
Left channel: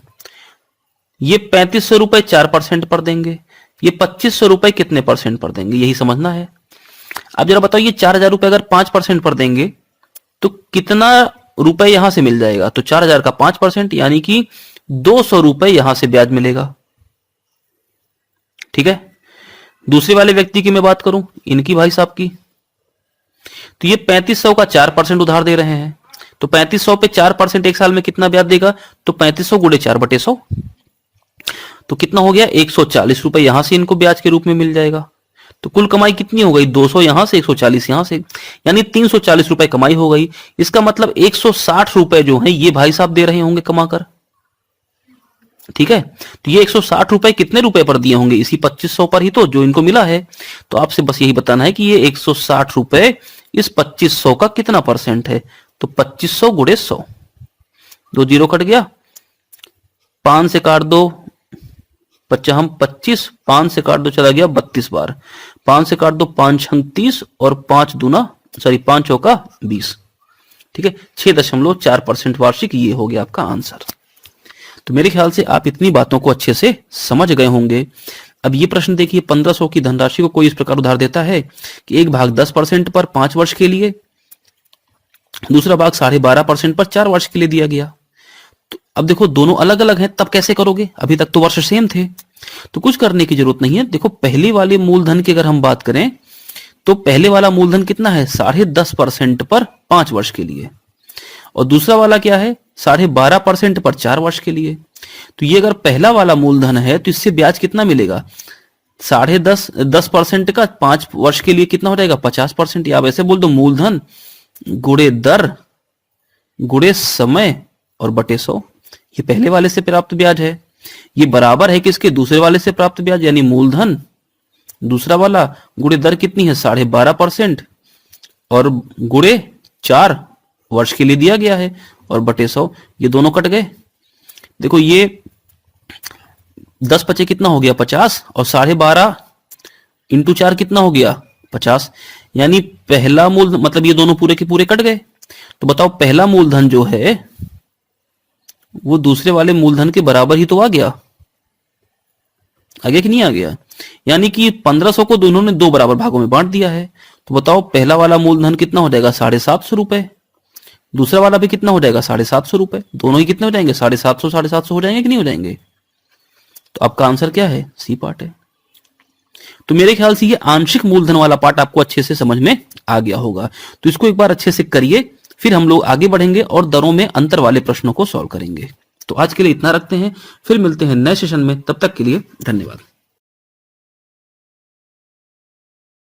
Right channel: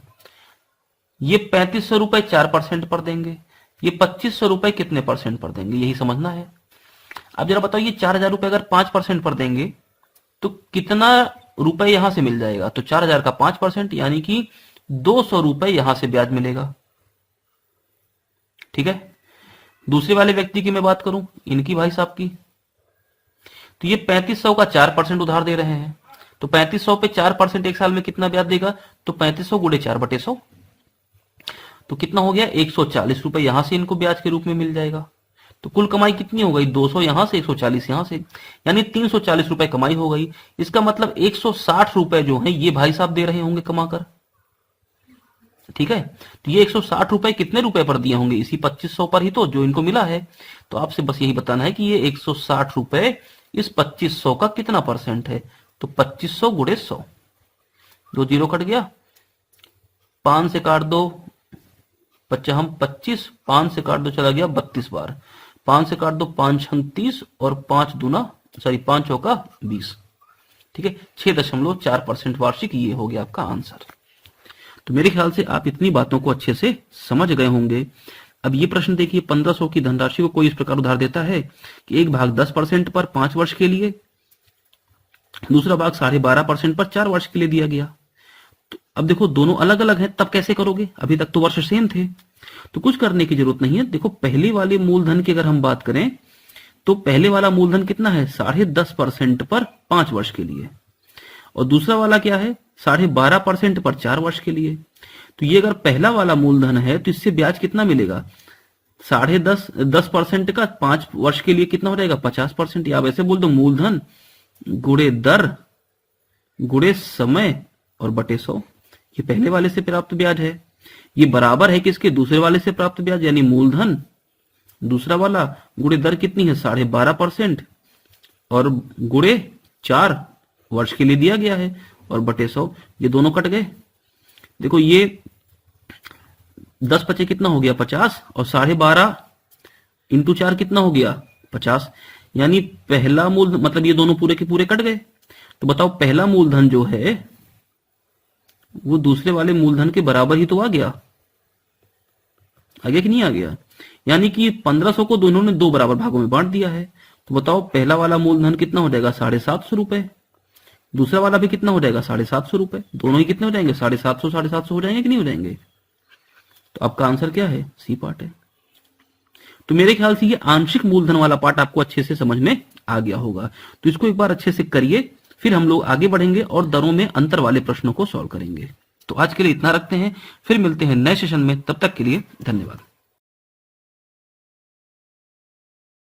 ये 3,500 रुपए 4% पर देंगे, ये 2,500 रुपए कितने परसेंट पर देंगे, यही समझना है। अब जरा बताओ, ये 4,000 रुपए अगर 5% पर देंगे तो कितना रुपए यहां से मिल जाएगा। तो 4,000 का 5% यानी कि 200 रुपए यहां से ब्याज मिलेगा, ठीक है। दूसरे वाले व्यक्ति की मैं बात करूं, इनकी भाई साहब की, तो ये 3,500 का 4% उधार दे रहे हैं, तो 3,500 पे 4% एक साल में कितना ब्याज देगा, तो 3,500 गुणे 4/100, तो कितना हो गया 140 रुपए यहां से इनको ब्याज के रूप में मिल जाएगा। तो कुल कमाई कितनी हो गई 200 यहां से 140 यहां से, यानी 340 रुपए कमाई हो गई। इसका मतलब 160 रुपए जो है ये भाई साहब दे रहे होंगे कमाकर, ठीक है। तो ये 160 रुपए कितने रुपए पर दिए होंगे, इसी 2,500 पर ही तो जो इनको मिला है। तो आपसे बस यही बताना है कि ये 160 रुपए इस 2,500 का कितना परसेंट है। तो 2,500 गुणे 100, 2 जीरो कट गया, 5 से काट दो 25, 5 से काट दो चला गया 32 बार, 5 से काट दो 5 छंग 30 और 5 चौका 20, ठीक है। 6.4% वार्षिक, ये हो गया आपका आंसर। तो मेरे ख्याल से आप इतनी बातों को अच्छे से समझ गए होंगे। अब ये प्रश्न देखिए, 1,500 की धनराशि को कोई इस प्रकार उधार देता है कि एक भाग 10% पर 5 वर्ष के लिए, दूसरा भाग 12.5% पर 4 वर्ष के लिए दिया गया। तो अब देखो दोनों अलग अलग हैं, तब कैसे करोगे, अभी तक तो वर्ष सेम थे, तो कुछ करने की जरूरत नहीं है। देखो पहले वाले मूलधन की अगर हम बात करें तो पहले वाला मूलधन कितना है 10.5% पर 5 वर्ष के लिए, और दूसरा वाला क्या है 12.5% पर 4 वर्ष के लिए। तो ये अगर पहला वाला मूलधन है तो इससे ब्याज कितना मिलेगा 10% का 5 वर्ष के लिए कितना हो जाएगा 50%, या वैसे बोल दो मूलधन गुणे दर गुणे समय और बटे 100। ये पहले वाले से प्राप्त ब्याज है, ये बराबर है किसके दूसरे वाले से प्राप्त ब्याज, यानी मूलधन दूसरा वाला गुणे दर कितनी है 12.5% और गुणे 4 वर्ष के लिए दिया गया है और बटे 100, ये दोनों कट गए। देखो ये 10 पचे कितना हो गया 50 और 12.5 इंटू 4 कितना हो गया 50, यानी पहला मूल मतलब ये दोनों पूरे के पूरे कट गए। तो बताओ पहला मूलधन जो है वो दूसरे वाले मूलधन के बराबर ही तो आ गया कि नहीं आ गया, यानी कि 1,500 को दोनों ने 2 बराबर भागों में बांट दिया है। तो बताओ पहला वाला मूलधन कितना हो जाएगा 750 रुपए, दूसरा वाला भी कितना हो जाएगा 750 रुपए, दोनों ही कितने हो जाएंगे 750 हो जाएंगे कि नहीं हो जाएंगे। तो आपका आंसर क्या है सी पार्ट है। तो मेरे ख्याल से ये आंशिक मूलधन वाला पार्ट आपको अच्छे से समझ में आ गया होगा। तो इसको एक बार अच्छे से करिए, फिर हम लोग आगे बढ़ेंगे और दरों में अंतर वाले प्रश्नों को सॉल्व करेंगे। तो आज के लिए इतना रखते हैं, फिर मिलते हैं नए सेशन में, तब तक के लिए धन्यवाद।